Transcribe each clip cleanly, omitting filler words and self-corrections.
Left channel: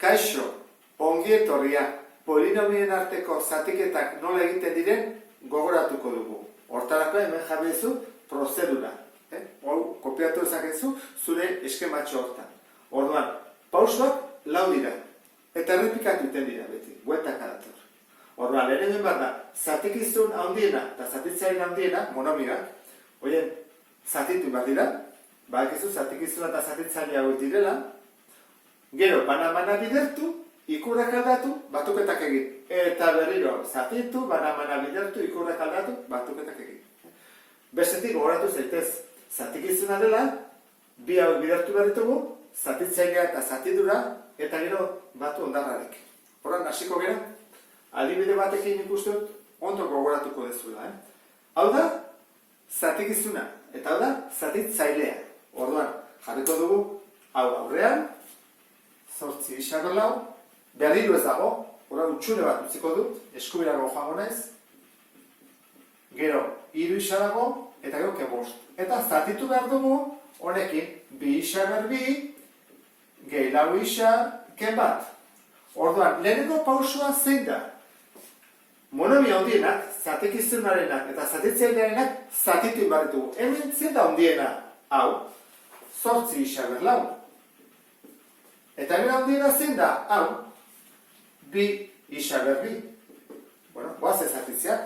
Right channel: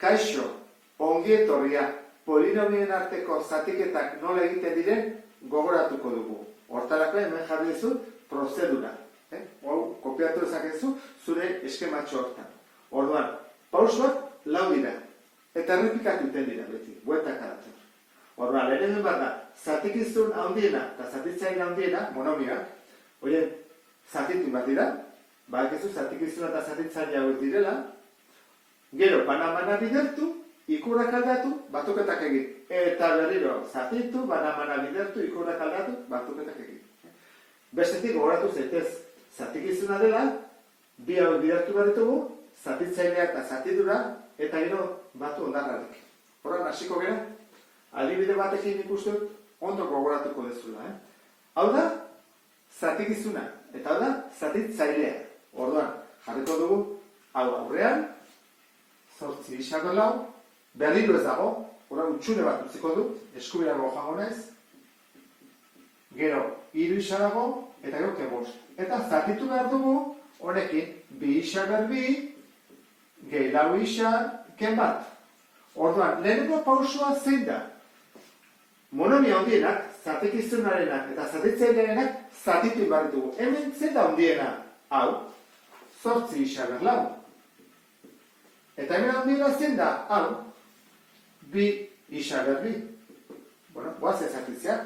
Kaixo, ongi etorria, polinomien arteko zatiketak nola egiten diren gogoratuko dugu. Hortarako hemen jarri duzu prozedura. Hau, kopiatu dezakezu zure eskematxo hortan. Orduan, pausoak 4 dira. Eta errepikatu iten dira beti, bueltaka dator. Orduan, lehen egin behar da, zatikizun handiena eta zatitzaile handiena, monomiak, oien, zatitu bat dira, badakizu zatikizuna eta zatitzaile hauek direla, gero, bana bidertu, ikurrak aldatu, batuketak egin. Eta berriro, zatitu, bana bidertu, ikurrak aldatu, batuketak egin. Bestetik, gogoratu zaitez, zatikizuna dela, bi hauek bidertu behar ditugu, zatitzailea eta zatidura, eta gero batu ondarrarik. Horran, hasiko gara, adibide batekin ikusten ondo gogoratuko dezula. Hau da, zatikizuna, eta hau da, zatitzailea. Orduan, jarriko dugu, hau aurrean, 8 isago lau, berriro ez dago, horra utxune bat utziko dut, eskubirago joango naiz, gero 3 isa dago, eta gero ke 5. Eta zatitu behar dugu, honekin, 2 isa berbi, gehi 4 isa, ke 1. Orduan, lehenengo pausua zein da? Monomia handienak, zatekizunarenak eta zatitzailearenak zatitu behar ditugu. Hemen zein da handiena? Hau, 8 isa berlau. Eta hemen handiena zein da? Hau, 2 isa berbi. Bueno, guaz ezatitzea.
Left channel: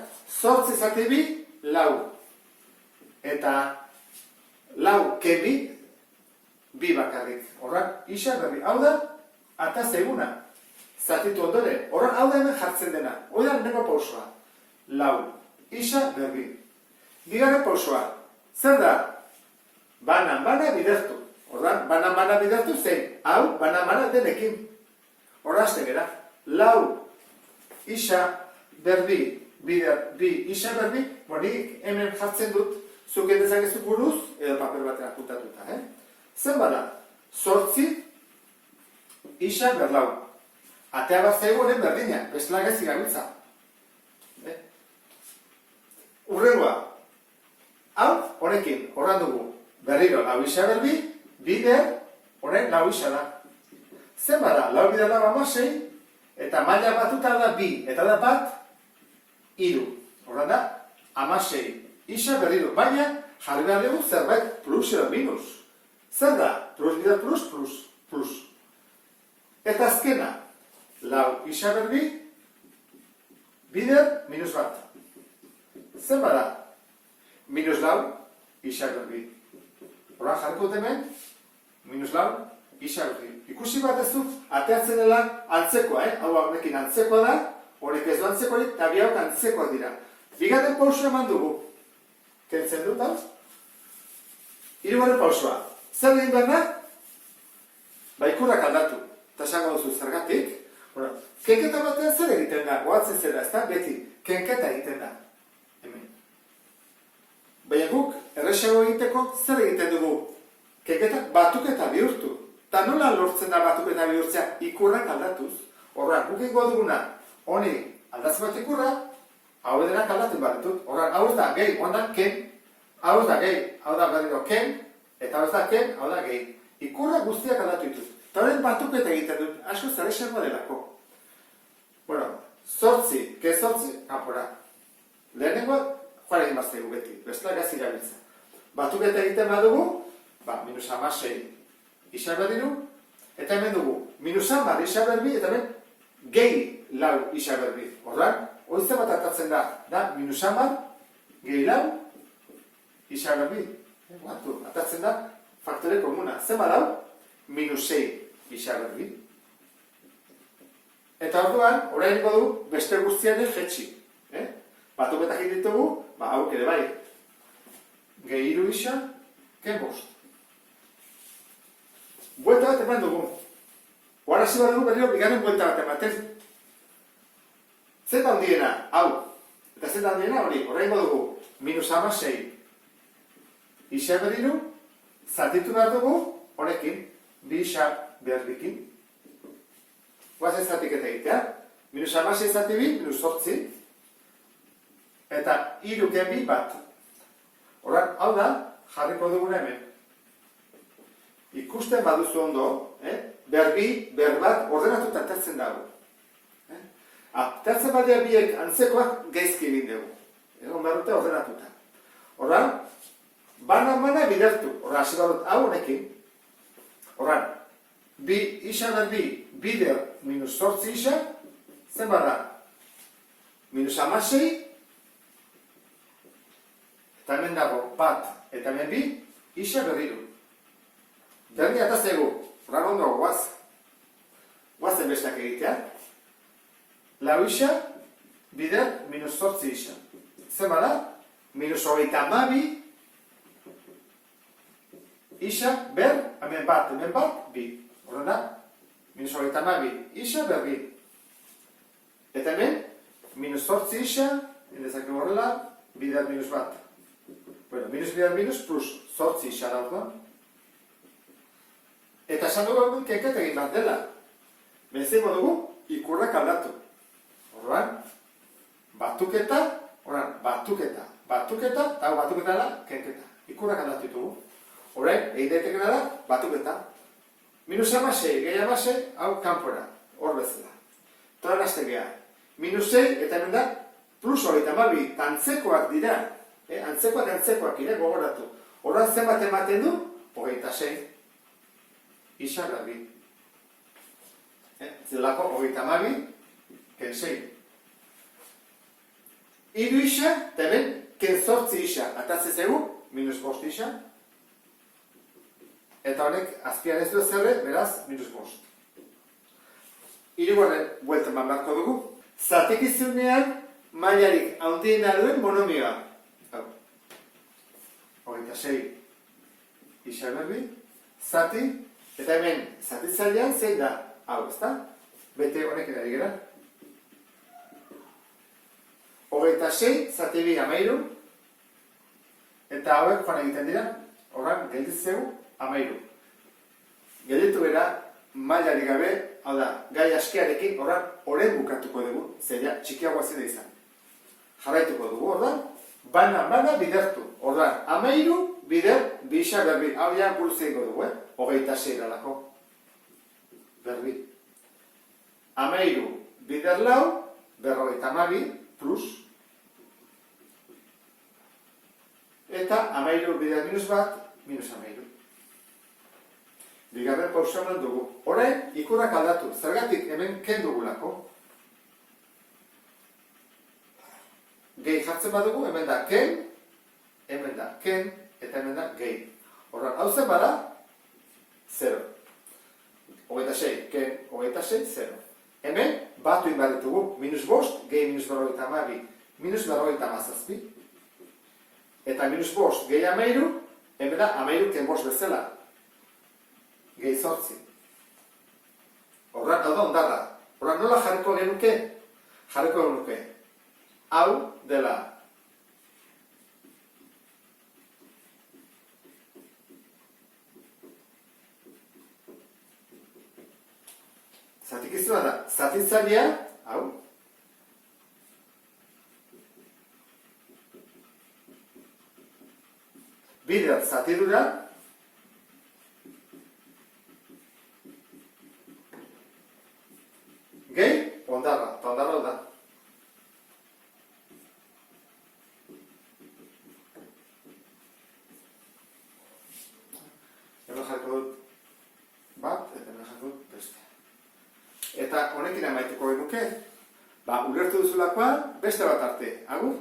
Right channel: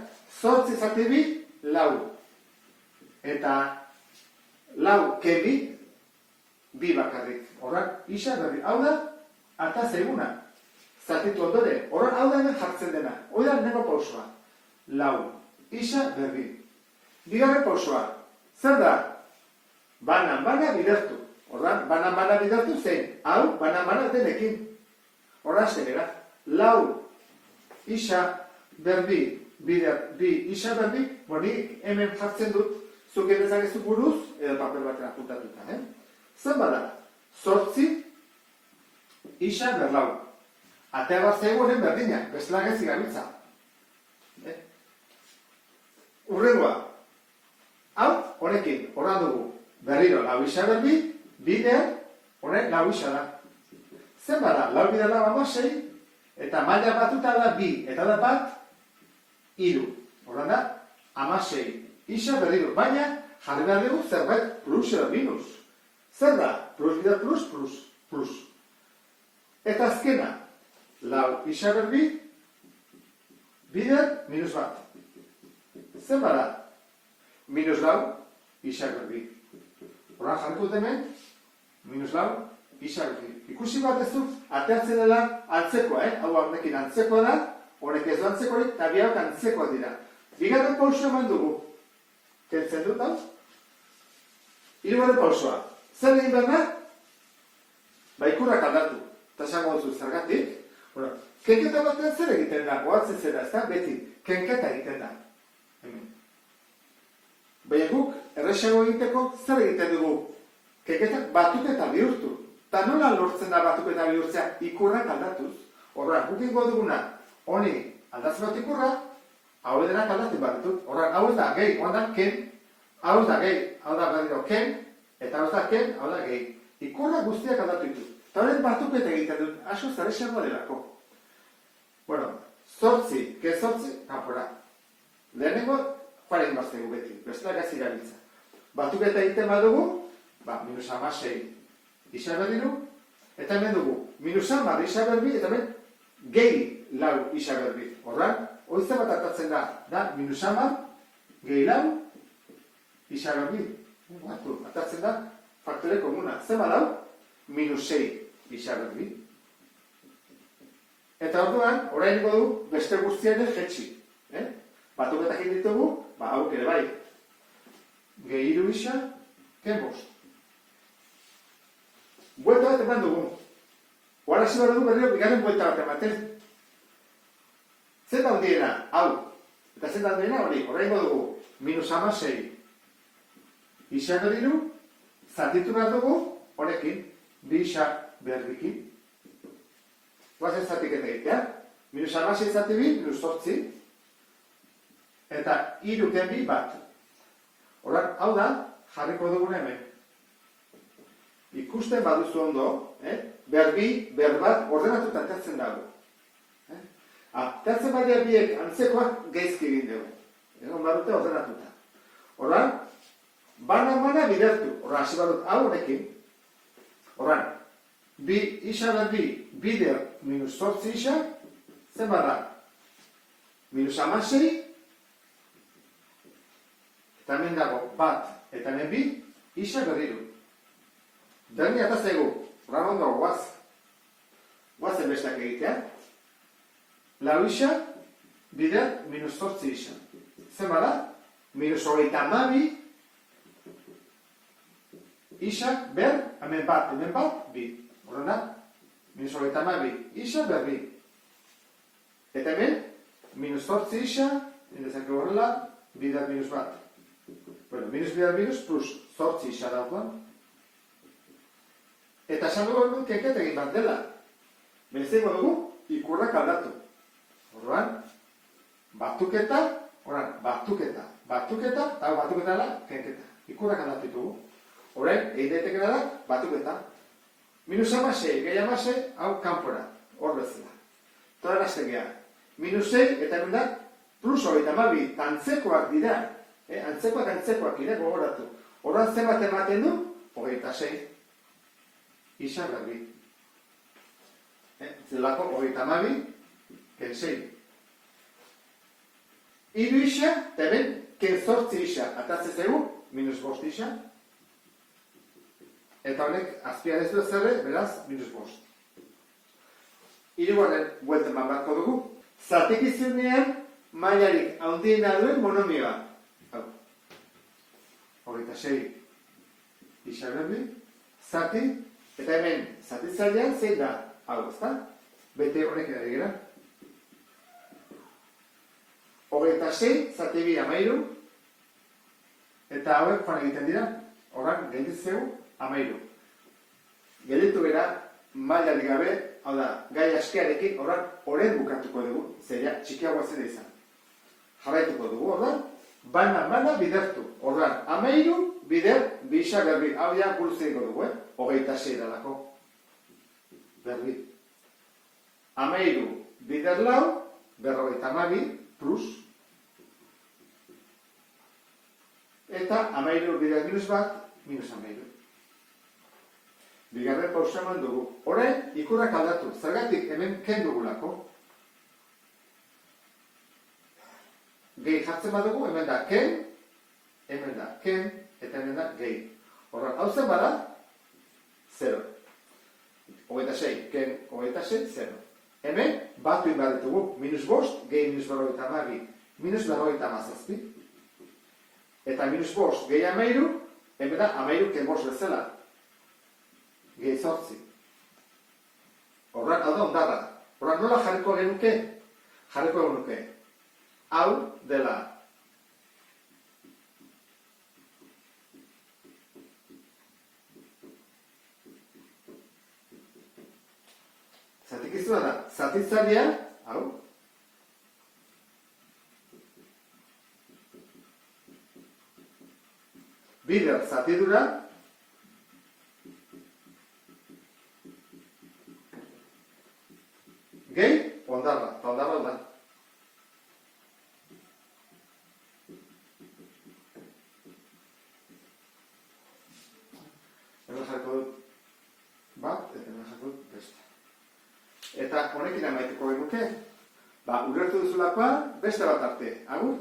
8 zati 2, 4. Eta 4 ke 2, 2 bakarrik. Horrak, isa berbi. Hau da, ata zaiguna. Zatitu ondore. Horrak, hau da hemen jartzen dena. Hoi da, nego pausua. 4, isa berbi. Bigarren pausua. Zer da? Bana bidertu. Horrak, bana bidertu zein. Hau, bana denekin. Horra haste gara. 4 isa berbi, bider, 2 isa berbi, bonik hemen jartzen dut, zuk edezakezu buruz, edo papel batera puntatuta. Zen bada, 8 isa berlau. Atea bat zegoen berdina, bestela gaizki gabiltza. Urrengoa, hau, honekin, horran dugu, berriro, 4 isa berbi, bider, honen 4 isa da. Zen bada, 4 bider 6, eta maila batuta da 2, eta da bat, 3. Horren da, 16. Isa berriro, baina jarri behar dugu zerbait plus edo minus. Zer da? Plus bider plus. Eta azkena, 4 isa berbi, bider minus 1. Zer bada? Minus 4 isa berbi. Horren jarriko hemen, minus 4 isa berbi. Ikusi bat ez dut, ateatzen dela antzekoa, hau honekin antzekoa da, honek ez du antzekoa, eta bi hauk antzekoak dira. Bigarren pausua eman dugu. Kentzen dut, hau? Hirugarren pausua. Zer egin behar da? Ikurrak aldatu. Eta esango duzu zergatik. Kenketa batean zer egiten da? Goatzen zera, ez da? Beti, kenketa egiten da. Hemen. Baina guk, erresago egiteko, zer egiten dugu? Kenketak batuketa bihurtu. Eta nola lortzen da batuketa bihurtzea? Ikurrak aldatuz. Horra, guk ingo duguna, honi aldatzen bat ikurra, hau edenak aldatzen bat ditut. Horra, hau ez da gehi, hau da ken, hau ez da gehi, hau da berriro ken, eta hau ez da ken, hau da gehi. Ikurra guztiak aldatu ditut. Eta horren batuketa egiten dut, asko zare xerroa delako. Bueno, 8, ke 8, kanpora. Lehenengo, joan egin baztegu beti, bestela gazi gabiltza. Batuketa egiten badugu, minus 16 isa berriru, eta hemen dugu, minus 10 isa berbi, eta hemen gehi 4 isa berbi. Horran, oizte bat atatzen da minus 10, gehi 4 isa berbi. Atatzen da faktore komuna. Zer badau? Minus 6 isa berbi. Eta orduan, orain du beste guztiaren jetxi. Batuketak ditugu, hauk ere bai. Gehi 3 isa, ken 5. Buelta bat eman dugu. Oara hasi bat dugu berriro bigarren buelta bat ematen. Zer da handiena? Hau. Eta zer da handiena hori? Horrengo dugu. Minus 16. Isa berriro. Zatitu behar dugu. Honekin. 2 isa berbikin. Guazen zatiketa egitea. Minus 16 zati 2, minus 8. Eta 3 ken 2 bat. Horren, hau da, jarriko duguna hemen. ikusten baduzu ondo, berbi, berbat, ordenatuta atertzen dago. Atertzen badia biek antzekoak gaizki egin dugu. Egon behar dute ordenatuta. Horran, bana bidertu. Horran, hasi badut hau honekin. Horran, isa berbi, bider minus 8 isa, zen bada? Minus 16, eta hemen dago bat, eta hemen bi, isa berriru. Berni ataztegu, horran ondo, guazen bestak egitea. Lau isa, bider minus 8 isa. Zen bada? Minus 32, isa, ber, hemen bat, bi. Horren da, minus 32, isa, ber, bi. Eta hemen, minus 8 isa, indezak horrela, bider minus bat. Bueno, minus bider minus plus 8 isa dauko. Eta esan dugu hemen kenket egin bat dela. Bezeko dugu, ikurrak aldatu. Horren, batuketa, eta hau batuketa dela, kenketa. Ikurrak aldatu ditugu. Horren, egin daitekena da, batuketa. Minus 16, gehi 16, hau kanpora, hor bezala. Toran hasten geha. Minus 6, eta hemen da, plus 32, antzekoak dira. Antzekoak ire gogoratu. Horren zenbat ematen du, 26. Isa garbi. Zelako 32, ken 6. Iru isa, eta hemen, ken 8 isa. Atatzezegu, minus 5 isa. Eta honek, azpiarezu ezerre, beraz, minus 5. Hirugarren bueltan barko dugu. Zatekizunean, mailarik handiena duen monomioa. Hau. 26 isa berbi, zati, eta hemen, zatitzailean zein da. Hau, ezta? Bete honekin ari gera. 26, zati bi 13, eta hauek joan egiten dira, horren, gelditzeu, 13. Gelditu bera, mailarik gabe, hau da, gai askearekin, horren bukatuko dugu, zeria txikiagoa zena izan. Jarraituko dugu, horren, bana bidertu. Horren, 13, bider, bisa berbi, hau ja guruzeingo dugu, 26 eralako. Berbi. 13, bider lau, 52, plus, eta 13 bider minus bat, minus 13. Bigarren pausa eman dugu. Orain, ikurrak aldatu. Zergatik hemen ken dugulako. Gehi jartzen badugu, hemen da ken, eta hemen da gehi. Horren, hau zen bada, 0. 26, ken 26, 0. Hemen, batu inbar ditugu, minus 5, gehi minus 52, minus 57. Eta minus 5, gehi 13, hemen da 13 ken 5 bezala. Gehi 8. Horren, hau da ondarra. Horren, nola jarriko genuke? Jarriko genuke. Hau dela. Zatikizuna da, zatitzailea, hau. Bider zatidura, gehi, ondarra, eta ondarra da. Hemen jarko dut bat, eta hemen jarko dut beste. Eta honekin amaituko genuke, ulertu duzulakoa beste bat arte. Agur?